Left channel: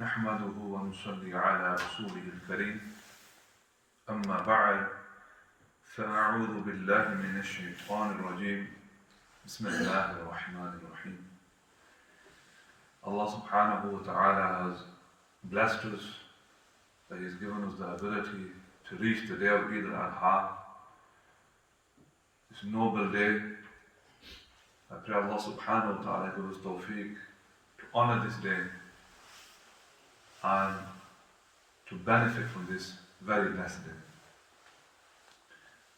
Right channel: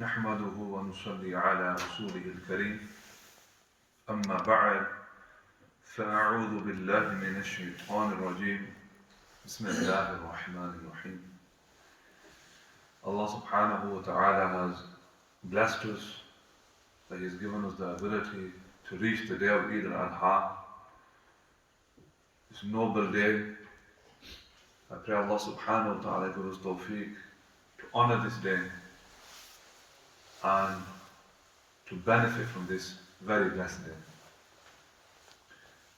نحمده ونصلي على رسوله الكريم أما بعد فأعوذ بالله من الشيطان الرجيم بسم الله الرحمن الرحيم. Allah subhanahu wa ta'ala has blessed us that He has given us the ability to reach the day of Eid al-Adha, this noble day. I pray Allah subhanahu wa ta'ala give us tawfiq to honor this day and to benefit from this very blessed day.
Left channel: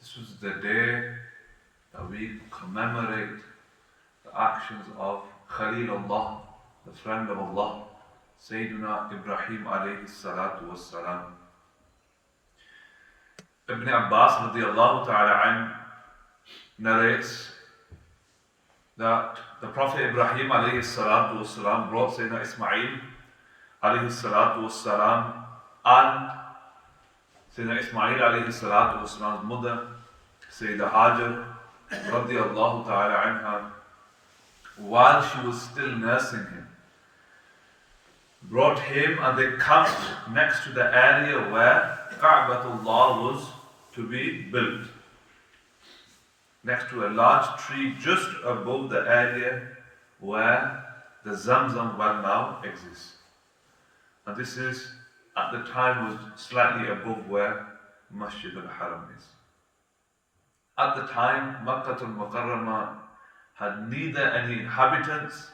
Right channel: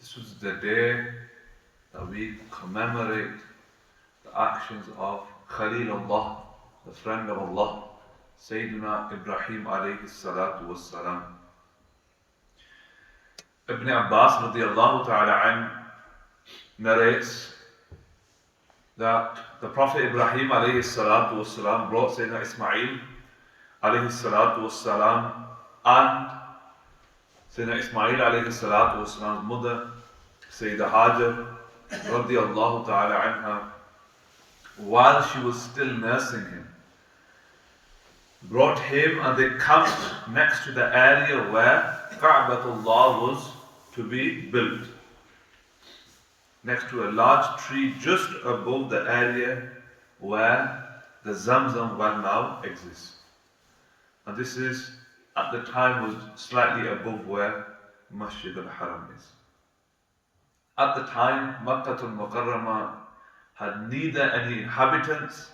This was the day that we commemorate the actions of Khalilullah, the friend of Allah, Sayyidina Ibrahim alayhi salatu wassalam. Ibn Abbas radiallahu ta'ala an narrates that the Prophet Ibrahim alayhi salatu wassalam brought Sayyidina Ismail alayhi salatu wassalam and Sayyidina Ismail alayhi salatu wassalam's mother, Sayyidah Hajar radiallahu ta'ala anha, while she was still nursing him, brought him and they camped next to the area where Ka'batullah was to be built, next to a large tree just above the area where the Zamzam well now exists. And this is, at the time, was slightly above where Masjid al-Haram is. At the time, Makkah al-Mukarramah had neither any inhabitants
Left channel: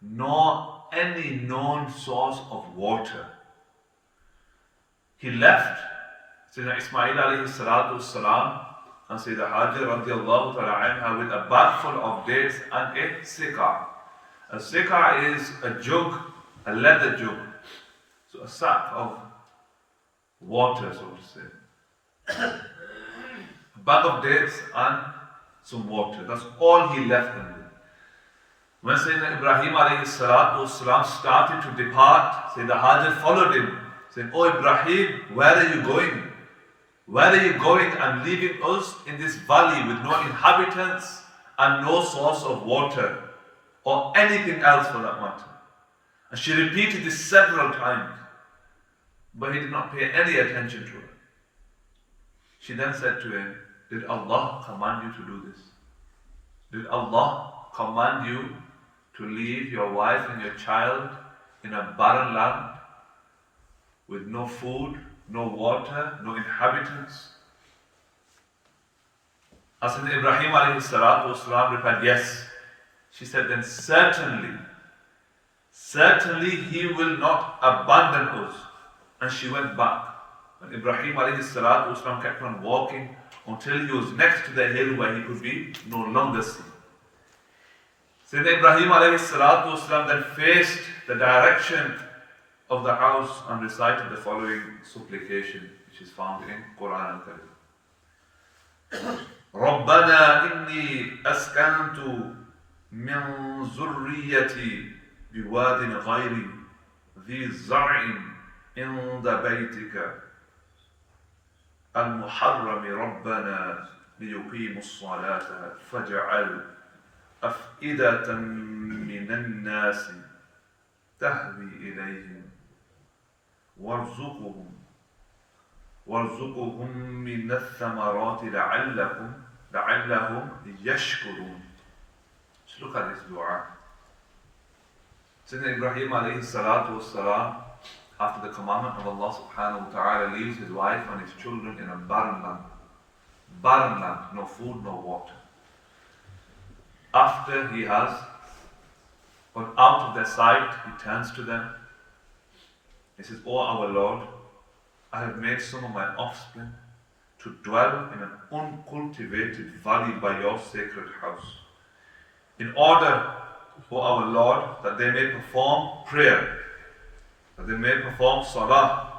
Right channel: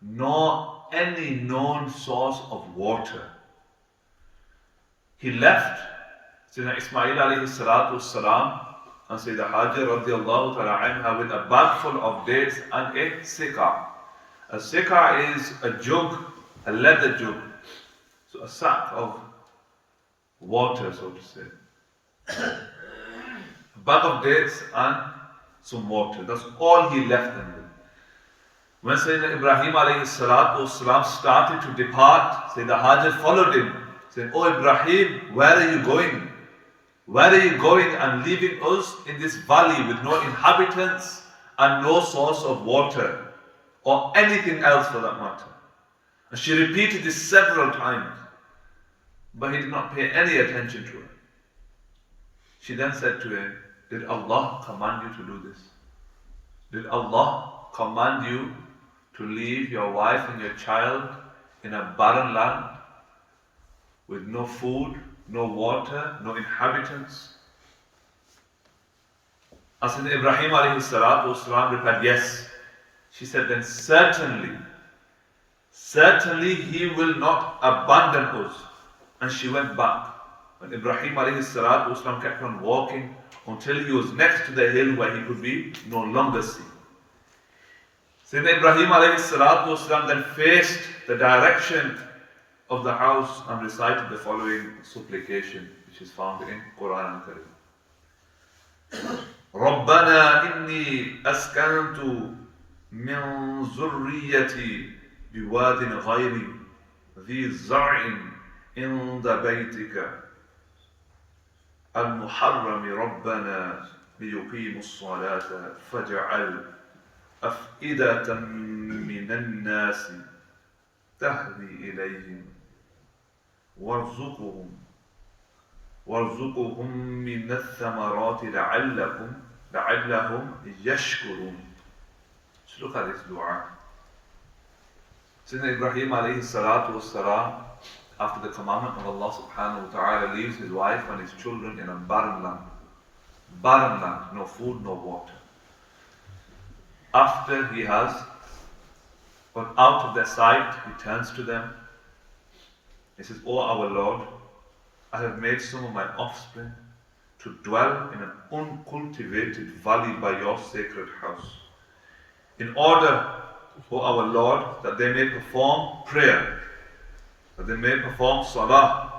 nor any known source of water. He left Sayyidina Ismail alayhi salatu wassalam and Sayyidah Hajar radiallahu ta'ala anha with a bag full of dates and a sikah. A sikah is a jug, a leather jug. So a sack of water, so to say. A bag of dates and some water. That's all he left them with. When Sayyidina Ibrahim alayhi salatu wasalam started to depart, Sayyidah Hajar followed him, saying, "Oh Ibrahim, where are you going? Where are you going and leaving us in this valley with no inhabitants and no source of water or anything else for that matter?" And she repeated this several times, but he did not pay any attention to her. She then said to him, "Did Allah command you to do this? Did Allah command you to leave your wife and your child in a barren land with no food, no water, no inhabitants?" As Ibrahim alayhi salatu wasalam replied, "Yes." She said, "Then certainly He will not abandon us." And she went back. And Ibrahim alayhi salatu wasalam kept on walking until he was next to the hill where he could be no longer seen. Sayyidina Ibrahim alayhi salatu wasalam then faced the direction of the house and recited the following supplication, which is found in Quran al-Karim. رَبَّنَا إِنِّي أَسْكَنْتُ مِنْ ذُرِّيَّتِي بِوَادٍ غَيْرِ ذِي زَرْعٍ عند بيتك المحرم ربنا ليقيموا الصلاة فاجعل أفئدة من الناس تهوي إليهم وارزقهم من الثمرات لعلهم يشكرون. Just look at this dua. Sayyidina Ibrahim alayhi salatu wassalam, after the commandment of Allah subhanahu wa ta'ala, leaves his wife and his children in a barren land. Barren land, no food, no water. After he has gone out of their sight, he turns to them. He says, "O our Lord, I have made some of my offspring to dwell in an uncultivated valley by your sacred house, in order, O our Lord, that they may perform prayer, that they may perform salah.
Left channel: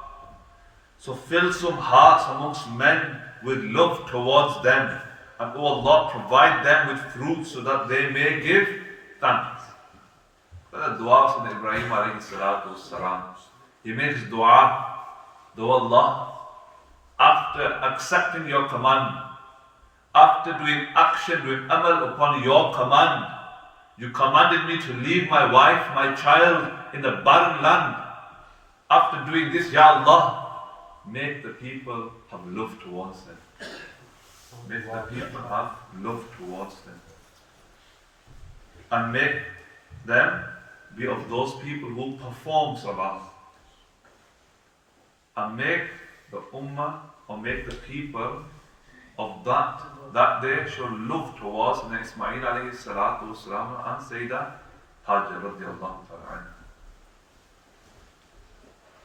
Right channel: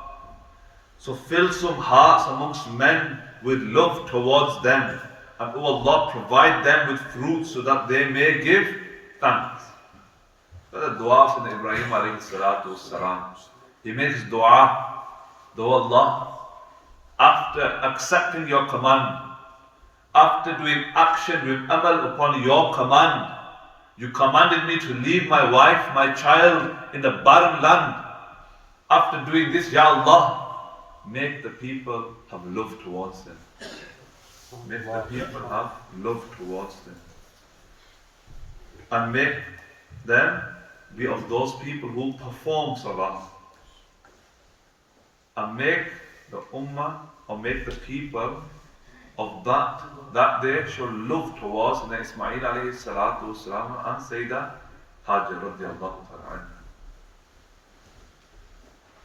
So fill some hearts amongst men with love towards them, and O Allah, provide them with fruit so that they may give thanks." That's the dua of Ibrahim alayhi salatu wassalam. He makes dua, "O Allah, after accepting your command, after doing action, doing amal upon your command, you commanded me to leave my wife, my child in the barren land. after doing this, Ya Allah, make the people have love towards them. Make the people have love towards them. And make them be of those people who perform salah. And make the ummah, or make the people of that day show love towards Ismail alayhi salatu wasalam and Sayyidah Hajjah radiallahu ta'ala anha.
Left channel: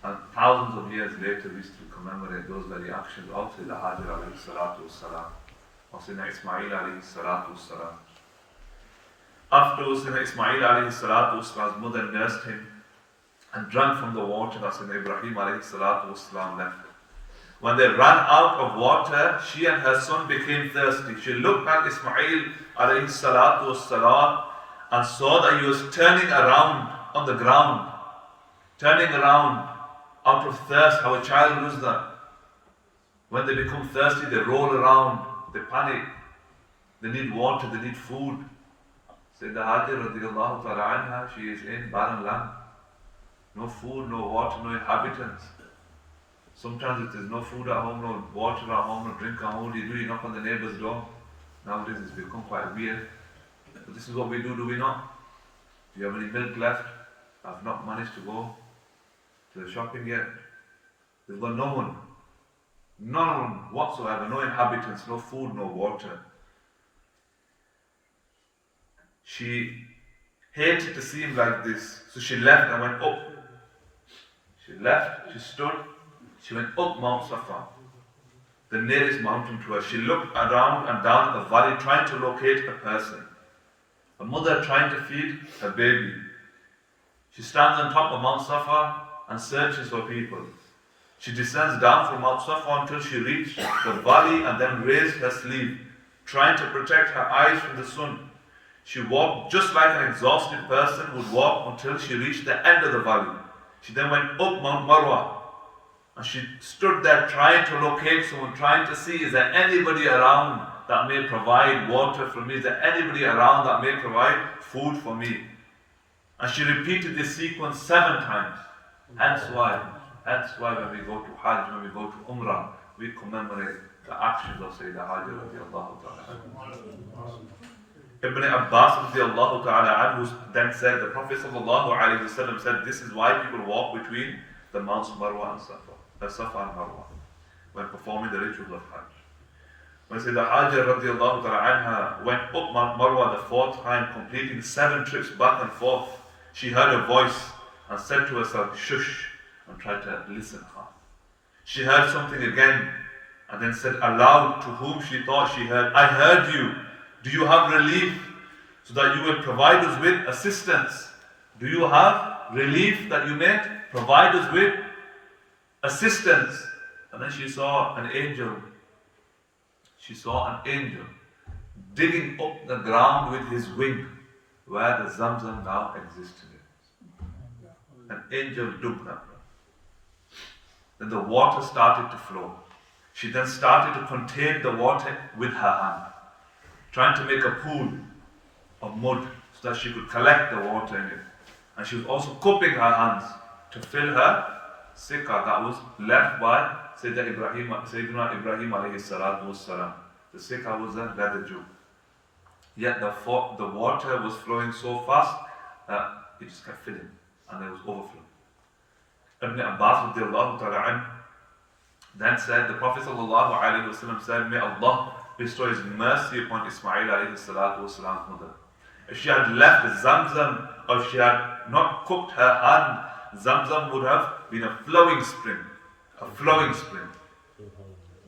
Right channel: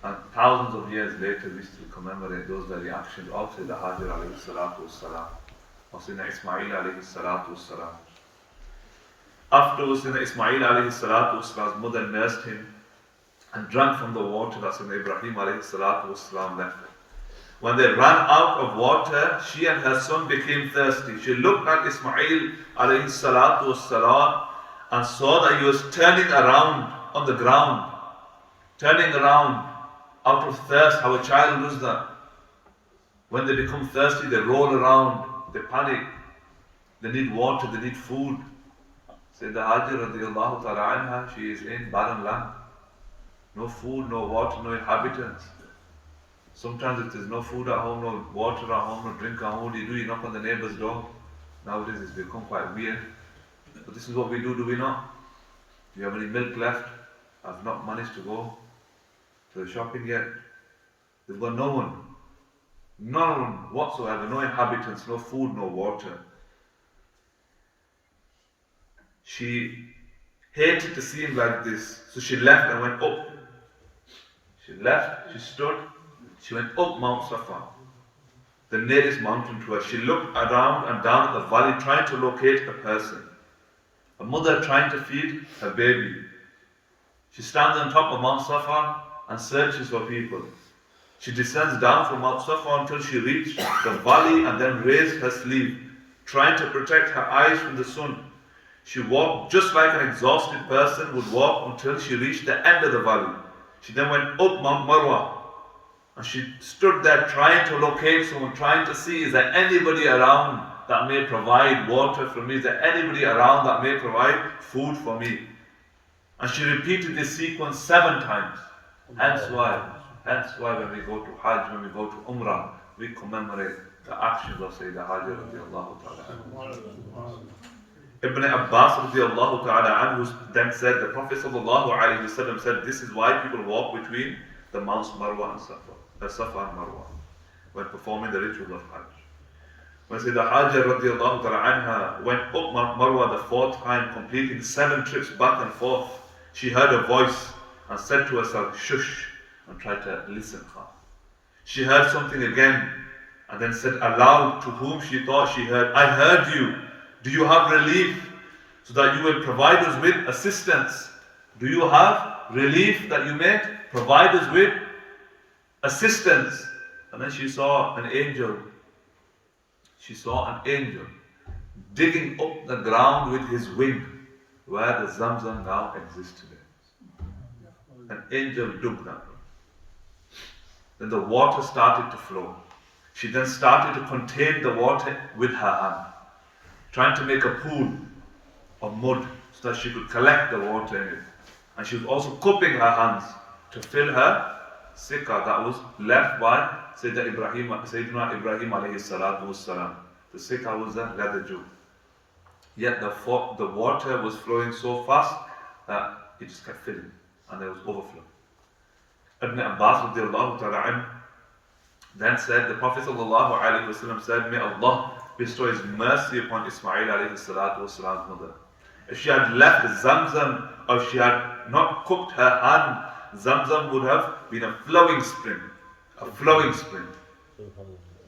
And thousands of years later, we still commemorate those very actions of Sayyidah Hajjah alayhi salatu wasalam, of Sayyidina Ismail alayhi salatu wasalam. Afterwards, Sayyidina Ismail alayhi salatu wasalam's mother nursed him and drank from the water that Sayyidina Ibrahim alayhi salatu wasalam left. When they ran out of water, she and her son became thirsty. She looked at Ismail alayhi salatu wasalam and saw that he was turning around on the ground, turning around out of thirst. How a child does that. When they become thirsty, they roll around, they panic, they need water, they need food. Sayyidah Hajjah radiallahu ta'ala anha, she is in barren land. No food, no water, no inhabitants. Sometimes it is no food at home, no water at home, no drink at home. What do? You knock on the neighbor's door. Nowadays it's become quite weird. But this is what we do we not? Do you have any milk left? I've not managed to go to the shopping yet. They've got no one. No one whatsoever, no inhabitants, no food, no water. She hated to see him like this, so she left and went up. She left, she stood, she went up Mount Safa, the nearest mountain to her. She looked around and down at the valley, trying to locate a person. A mother trying to feed her baby. She stands on top of Mount Safa and searches for people. She descends down from Mount Safa until she reached the valley and then raised her sleeve, trying to protect her eyes from the sun. She walked just like an exhausted person would walk until she reached the end of the valley. She then went up Mount Marwa and she stood there trying to locate someone, trying to see, is there anybody around that may provide water for me? Is there anybody around that may provide food for me? And she repeated this sequence 7 times. Hence why when we go to Hajj, when we go to Umrah, we commemorate the actions of Sayyidah Hajjah radiallahu ta'ala. Ibn Abbas radiallahu ta'ala anhu then said, the Prophet sallallahu alayhi wasallam said, this is why people walk between the Mounts Marwa and Safa and Marwa when performing the rituals of Hajj. When Sayyidah Hajjah radiallahu ta'ala anha went up Mount Marwa the 4th time, completing 7 trips back and forth, she heard a voice and said to herself, shush, and tried to listen hard. She heard something again and then said aloud to whom she thought she heard, I heard you. Do you have relief so that you will provide us with assistance? Do you have relief that you may provide us with assistance? And then she saw an angel. She saw an angel digging up the ground with his wing where the Zamzam now exists today. An angel dug that. Then the water started to flow. She then started to contain the water with her hand, trying to make a pool of mud so that she could collect the water in it. And she was also cupping her hands to fill her sikah that was left by Sayyidina Ibrahim alayhi salatu wassalam. The sikah was a leather jug. Yet the water was flowing so fast that it just kept filling and there was overflow. Ibn Abbas radiallahu ta'ala anhu then said, the Prophet sallallahu alayhi wasallam said, may Allah bestow His mercy upon Ismail alayhi salatu wasalam's mother. If she had left Zamzam, or if she had not cupped her hand, Zamzam would have been a flowing spring. A flowing spring.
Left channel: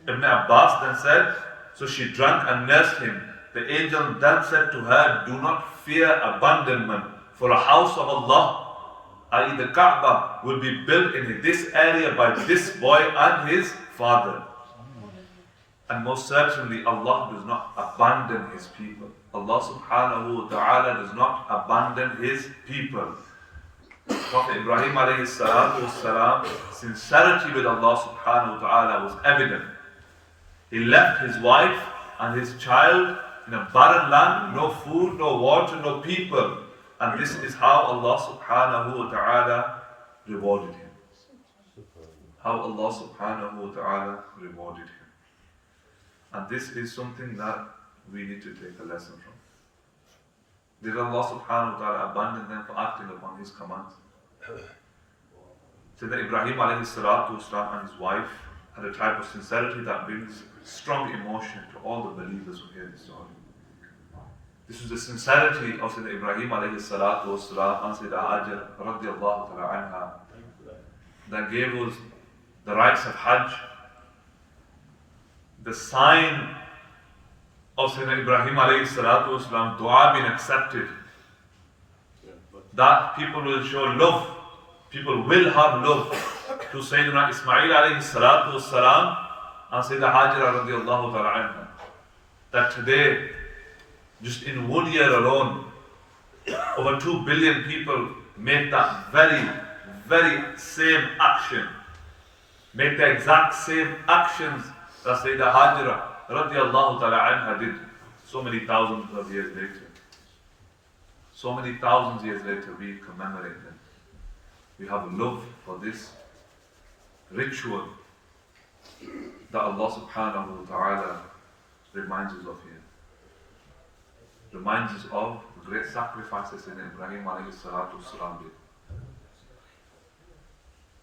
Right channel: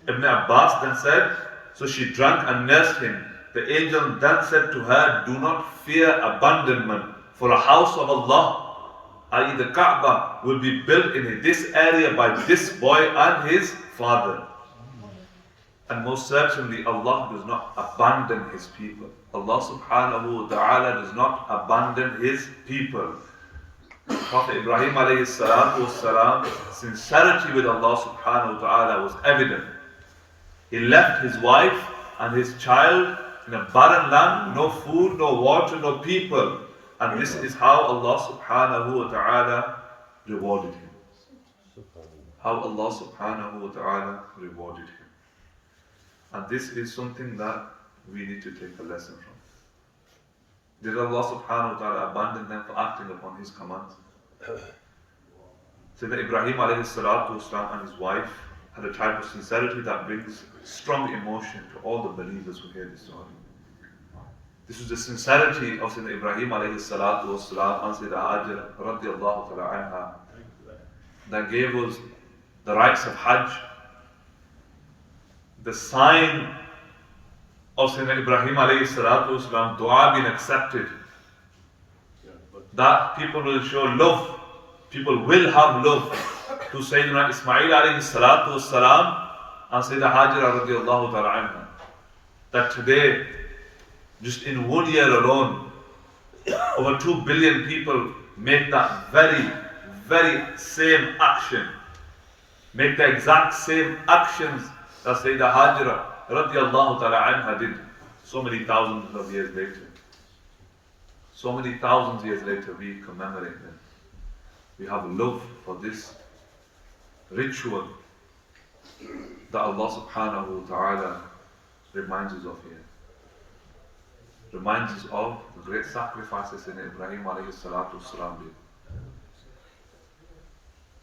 Ibn Abbas then said, so she drank and nursed him. The angel then said to her, do not fear abandonment, for a house of Allah, i.e. the Kaaba, will be built in this area by this boy and his father. And most certainly Allah does not abandon His people. Allah subhanahu wa ta'ala does not abandon His people. Prophet Ibrahim alayhi salatu wassalam, sincerity with Allah subhanahu wa ta'ala was evident. He left his wife and his child in a barren land, no food, no water, no people. And this is how Allah subhanahu wa ta'ala rewarded him. how Allah subhanahu wa ta'ala rewarded him. And this is something that we need to take a lesson from. Did Allah subhanahu wa ta'ala abandon them for acting upon His commands? Sayyidina Ibrahim alayhi salatu wasalam and his wife had a type of sincerity that brings strong emotion to all the believers who hear this story. This was the sincerity of Sayyidina Ibrahim alayhi salatu wasalam and Sayyidina Hajar radiallahu ta'ala anha that gave us the rights of Hajj, the sign of Sayyidina Ibrahim alayhi salatu wasalam, dua being accepted, that people will show love, people will have love to Sayyidina Ismail alayhi salatu wasalam and Sayyidina Hajar radiallahu ta'ala anha. That today, just in 1 year alone, over 2 billion people make that very same action, make the exact same actions that Sayyidina Hajar radiallahu ta'ala anha did so many thousands of years later. So many thousands of years later, we commemorate them. We have love for this ritual that Allah subhanahu wa ta'ala reminds us of here. Reminds us of the great sacrifices in Ibrahim alayhi salatu wasalam did.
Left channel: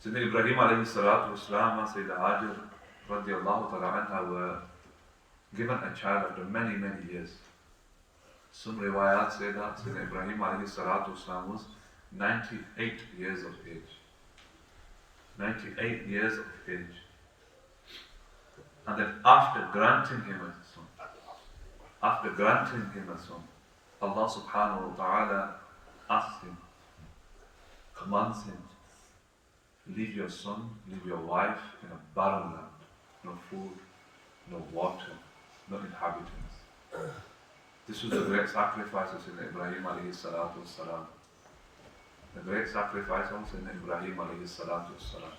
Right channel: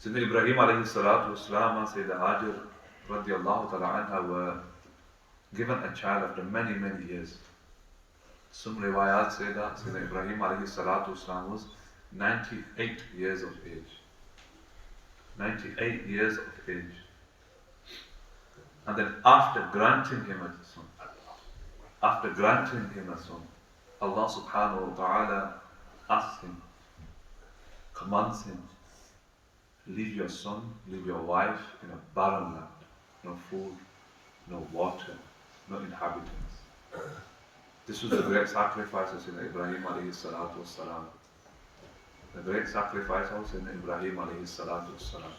Sayyidina Ibrahim alayhi salatu wasalam and Sayyidina Hajar radiallahu ta'ala anha were given a child after many years. Some riwayat say that Sayyidina Ibrahim alayhi salatu wasalam was 98 years of age. 98 years of age. And then after granting him a son, Allah subhanahu wa ta'ala asks him, commands him, leave your son, leave your wife in a barren land, no food, no water, no inhabitants. This was the great sacrifice of Sayyidina Ibrahim alayhi salatu wasalam. The great sacrifice of Sayyidina Ibrahim alayhi salatu wasalam.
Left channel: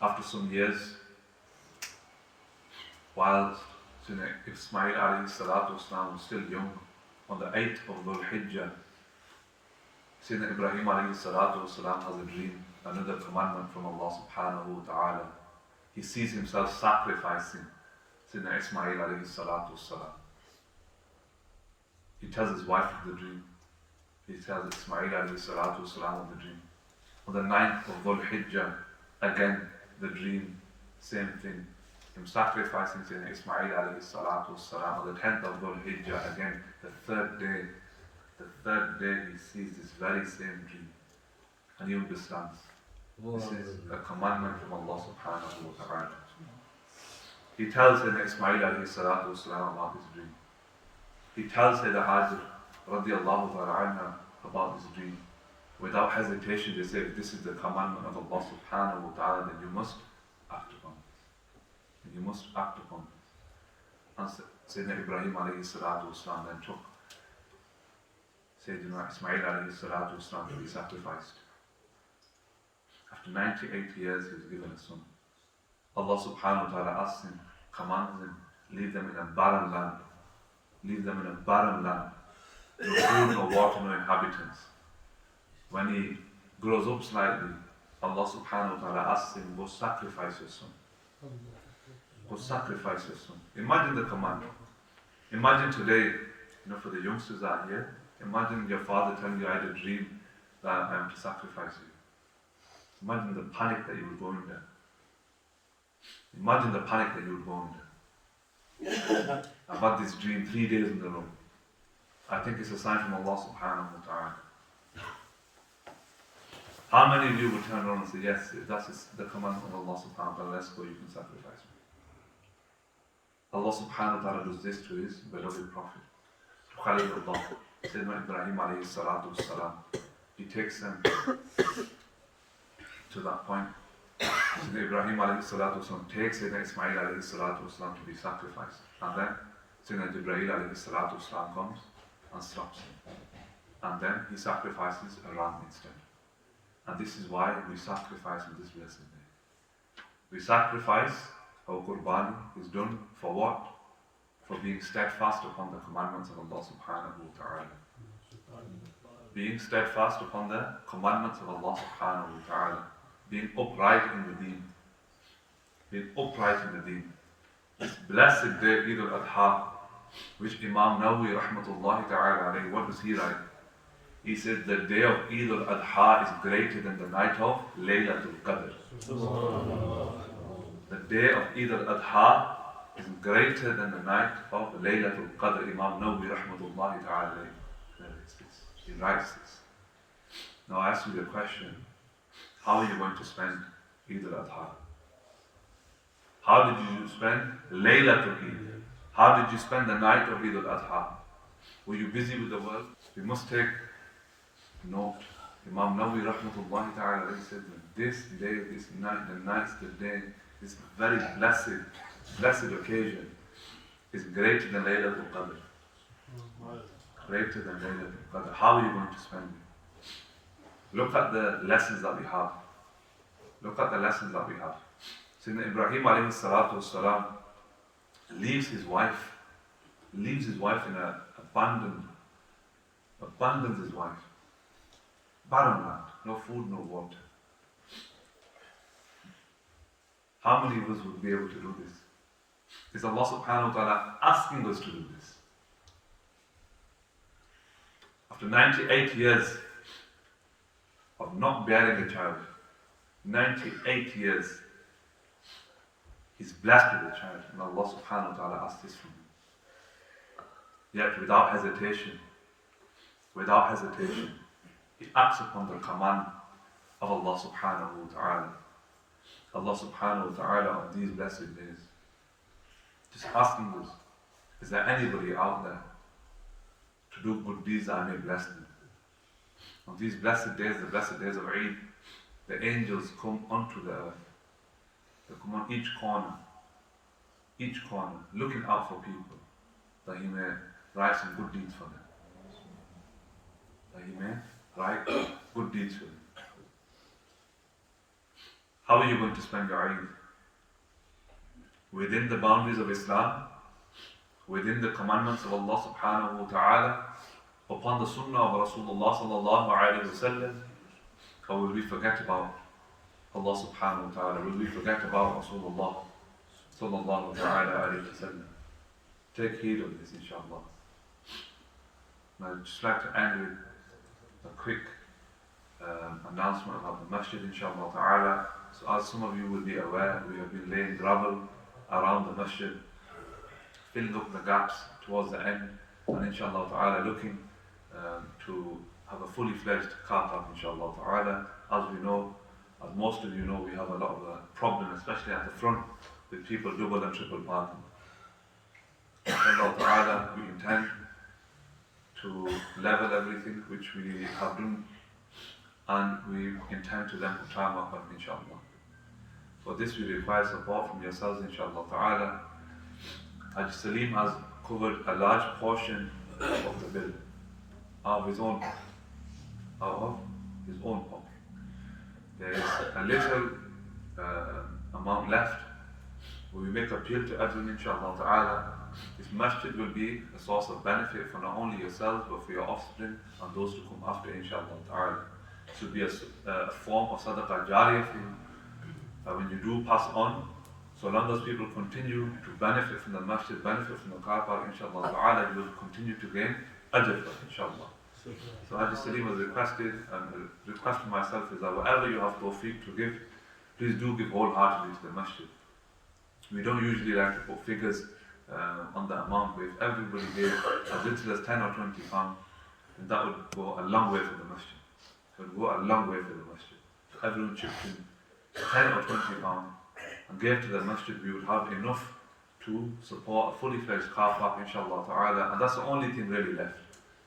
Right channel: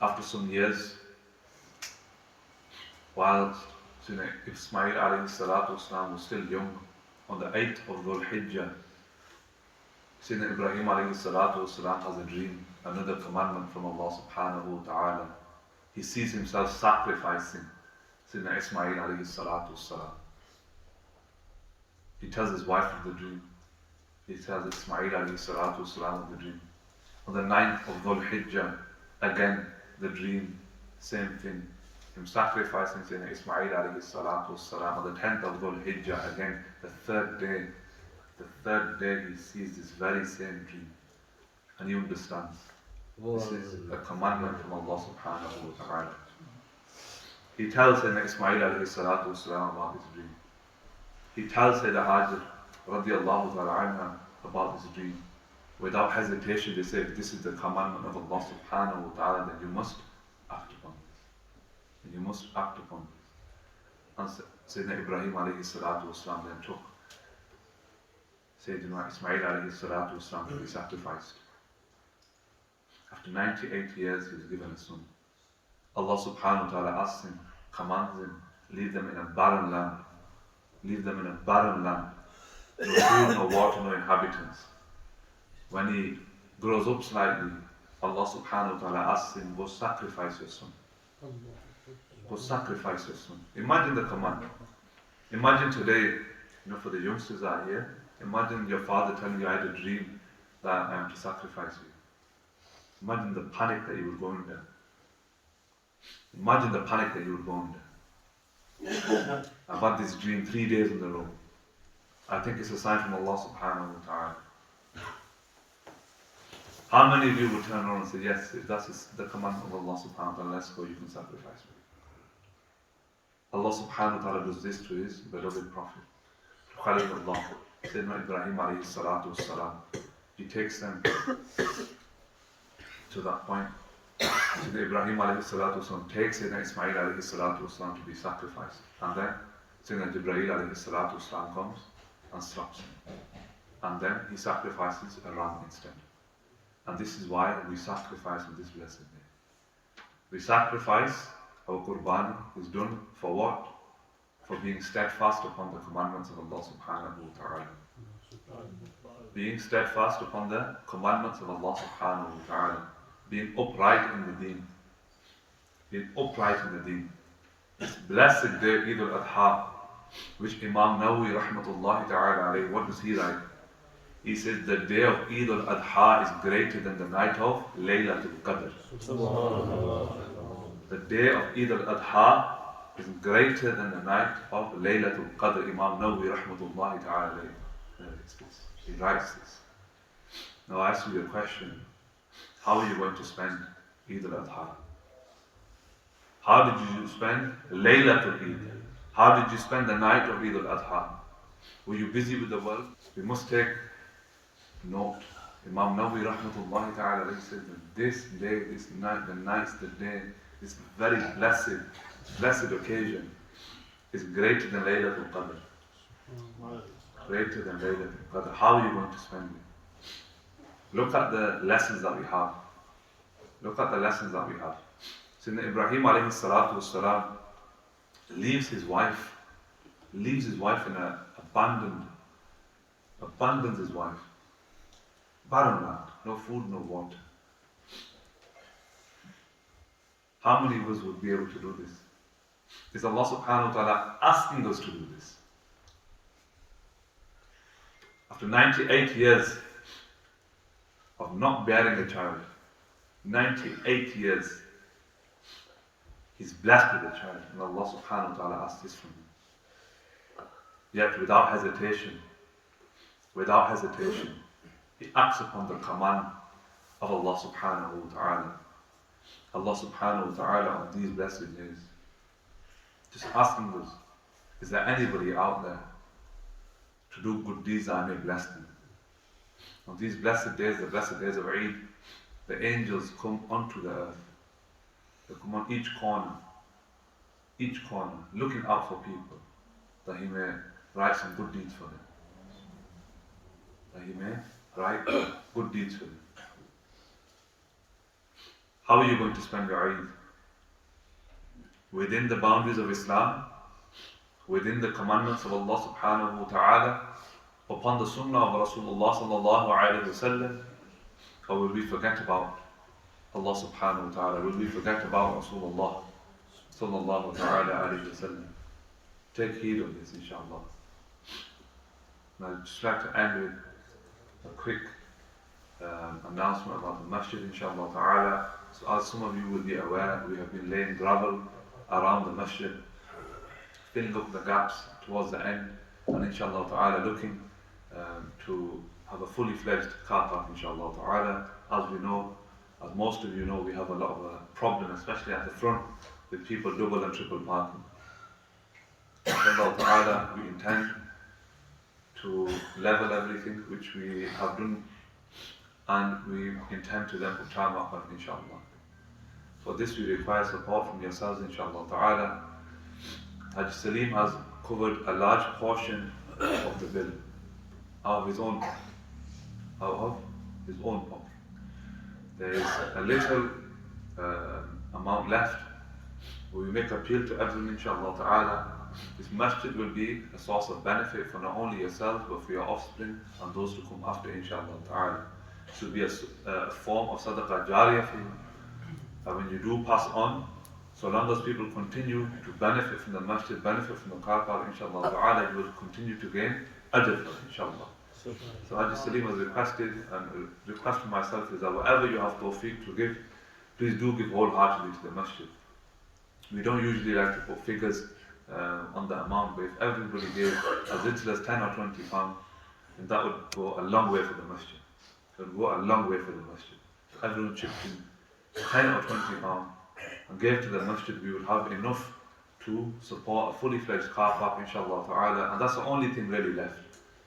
After some years, while Sayyidina Ismail alayhi salatu wasalam was still young, on the 8th of Dhul Hijjah, Sayyidina Ibrahim alayhi salatu wasalam has a dream, another commandment from Allah subhanahu wa ta'ala. He sees himself sacrificing Sayyidina Ismail alayhi salatu wasalam. He tells his wife of the dream. He tells Ismail alayhi salatu wasalam of the dream. On the 9th of Dhul Hijjah, again the dream, same thing. Him sacrificing Sayyidina Ismail alayhi salatu wasalam. On the 10th of Dhul Hijjah, again the third day he sees this very same dream. And he understands. This is a commandment from Allah subhanahu wa ta'ala. He tells Sayyidina Ismail alayhi salatu wasalam about this dream. He tells Sayyidina Hajar radiallahu ta'ala anha about this dream. Without hesitation they say, if this is the commandment of Allah subhanahu wa ta'ala, then you must act upon this. And you must act upon this. And Sayyidina Ibrahim alayhi salatu wasalam then took Sayyidina Ismail alayhi salatu wasalam to be sacrificed. After 98 years he was given a son. Allah subhanahu wa ta'ala asks him, commands him, leave them in a barren land. Leave them in a barren land. No food, no water, no inhabitants. When he grows up slightly, Allah subhanahu wa ta'ala asks him, go sacrifice your son. Go sacrifice your son. Imagine the command. Imagine today, for the youngsters that are here, imagine your father telling you, I had a dream that I am to sacrifice you. Imagine the panic that you would go under. Imagine the panic that you would go under. I've had this dream 3 days in a row. I think it's a sign from Allah subhanahu wa ta'ala. How many of you would turn around and say, yes, that's the commandment of Allah subhanahu wa ta'ala, let's go, you can sacrifice me. Allah subhanahu wa ta'ala does this to his beloved Prophet, to Khalilullah, Sayyidina Ibrahim alayhi salatu wassalam. He takes them to that point. Sayyidina Ibrahim alayhi salatu wasalam takes Sayyidina Ismail alayhi salatu wasalam to be sacrificed. And then Sayyidina Jibreel alayhi salatu wasalam comes and stops him. And then he sacrifices a ram instead. And this is why we sacrifice on this blessed day. We sacrifice, our qurbani is done for what? For being steadfast upon the commandments of Allah subhanahu wa ta'ala. Being steadfast upon the commandments of Allah subhanahu wa ta'ala. being upright in the deen. Being upright in the deen. This blessed day, Eid al-Adha, which Imam Nawawi rahmatullahi ta'ala alayhi, what does he write? He says the day of Eid al-Adha is greater than the night of Laylatul Qadr. The day of Eid al-Adha is greater than the night of Laylatul Qadr. Imam Nawawi rahmatullahi ta'ala alayhi. He writes this. Now I ask you a question. How are you going to spend Eid al-Adha? How did you spend Laylatul Eid? How did you spend the night of Eid al-Adha? Were you busy with the world? We must take note. Imam Nawawi rahmatullahi ta'ala said that this day, this night, the night's the day, this very blessed occasion is greater than Laylatul Qadr. Greater than Laylatul Qadr. How are you going to spend it? Look at the lessons that we have. Look at the lessons that we have. Sayyidina Ibrahim alayhi salatu wasalam leaves his wife in an abandons his wife. Barren land, no food, no water. How many of us would be able to do this? Is Allah subhanahu wa ta'ala asking us to do this? After 98 years of not bearing a child, 98 years, he's blessed with a child, and Allah subhanahu wa ta'ala asks this from him. Yet without hesitation, he acts upon the command of Allah subhanahu wa ta'ala. Allah subhanahu wa ta'ala on these blessed days, just asking us, is there anybody out there to do good deeds I may bless them? On these blessed days, the blessed days of Eid, the angels come onto the earth. They come on each corner, looking out for people, that He may write some good deeds for them. That He may write good deeds for them. How are you going to spend your Eid? Within the boundaries of Islam, within the commandments of Allah subhanahu wa ta'ala, upon the sunnah of Rasulullah sallallahu alayhi wa sallam, or will we forget about Allah subhanahu wa ta'ala? Will we forget about Rasulullah sallallahu alayhi wa sallam? Take heed of this, inshallah. I'd just like to end with a quick announcement about the Masjid, inshallah ta'ala. So as some of you will be aware, we have been laying gravel around the Masjid, filling up the gaps towards the end, and inshallah ta'ala looking to have a fully fledged car park, inshallah ta'ala. As we know, as most of you know, we have a lot of a problem, especially at the front, with people double and triple parking. Inshallah ta'ala, we intend to level everything, which we have done, and we intend to then put tarmac on, inshallah. For this we require support from yourselves, inshallah ta'ala. Haji Salim has covered a large portion of the bill out of his own pocket. There is a little amount left. We make appeal to everyone, inshallah ta'ala. This masjid will be a source of benefit for not only yourselves but for your offspring and those to come after, inshallah ta'ala. It should be a form of sadaqah jariyah for you. When you do pass on, so long as people continue to benefit from the masjid, benefit from the car park, inshallah ta'ala, you will continue to gain ajr for it, inshallah. So Haji Salim has requested, and a request for myself is that whatever you have tawfiq to give, please do give wholeheartedly to the masjid. We don't usually like to put figures on the amount, but if everybody gave as little as 10 or 20 pounds, then that would go a long way for the masjid. It would go a long way for the masjid. If everyone chipped in 10 or 20 pounds and gave to the masjid, we would have enough to support a fully fledged car park, inshallah ta'ala, and that's the only thing really left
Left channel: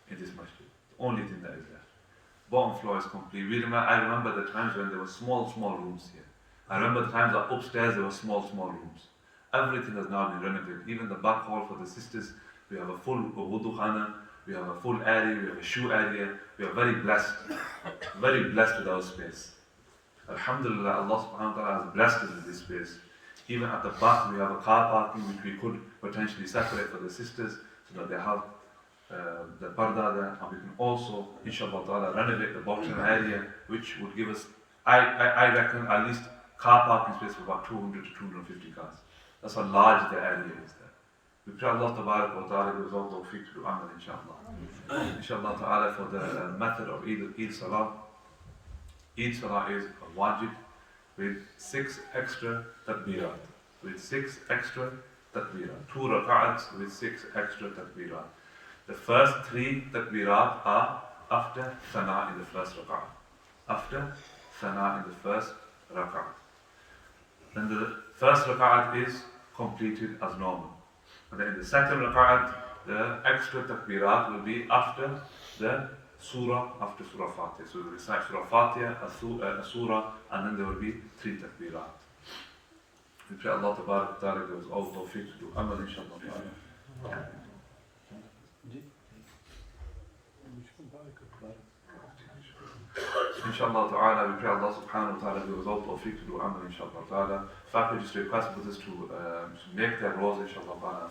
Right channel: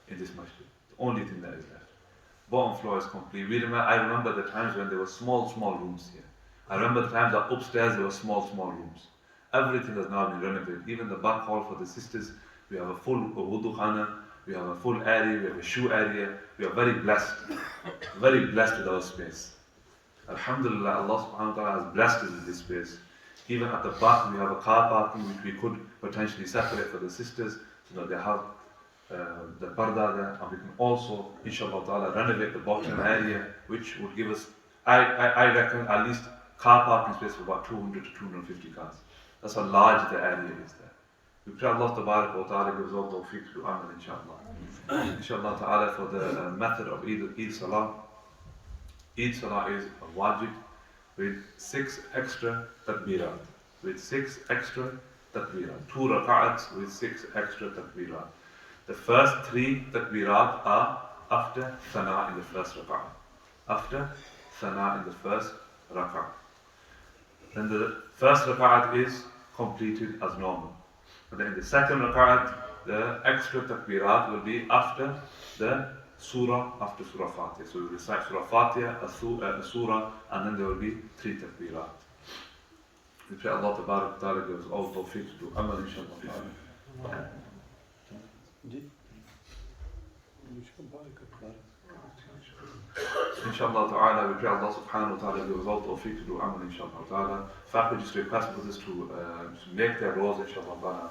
in this masjid. The only thing that is left. Bottom floor is complete. I remember the times when there were small rooms here. I remember the times that upstairs there were small rooms. Everything has now been renovated. Even the back hall for the sisters, we have a full wudu khana, we have a full area, we have a shoe area. We are very blessed with our space. Alhamdulillah, Allah subhanahu wa ta'ala has blessed us with this space. Even at the back we have a car parking which we could potentially separate for the sisters so that they have the parda there, and we can also, inshallah ta'ala, renovate the bottom area, which would give us I reckon at least car parking space for about 200 to 250 cars. That's how large the area is there. We pray Allah Tabarak wa Ta'ala gives all tawfiq to do amal, inshallah. Inshallah Ta'ala, for the method of Eid Salah. Eid Salah is a wajib with 6 extra takbirat. With 6 extra takbirat. 2 rak'ats with 6 extra takbirat. The first 3 takbirat are after Thana in the first rak'at. After Thana in the first rak'at. Then the first rak'at is completed as normal. And then in the second rak'at, the extra takbirat will be after the surah, after Surah Fatiha. So we recite Surah Fatiha, a surah, and then there will be 3 takbirat. We pray Allah Tabarak wa Ta'ala gives all tawfiq to do amal, inshallah ta'ala. Inshallah ta'ala, we pray Allah subhanahu wa ta'ala gives all tawfiq to do amal, inshallah ta'ala. If I could just request brothers to make their roles, inshallah ta'ala.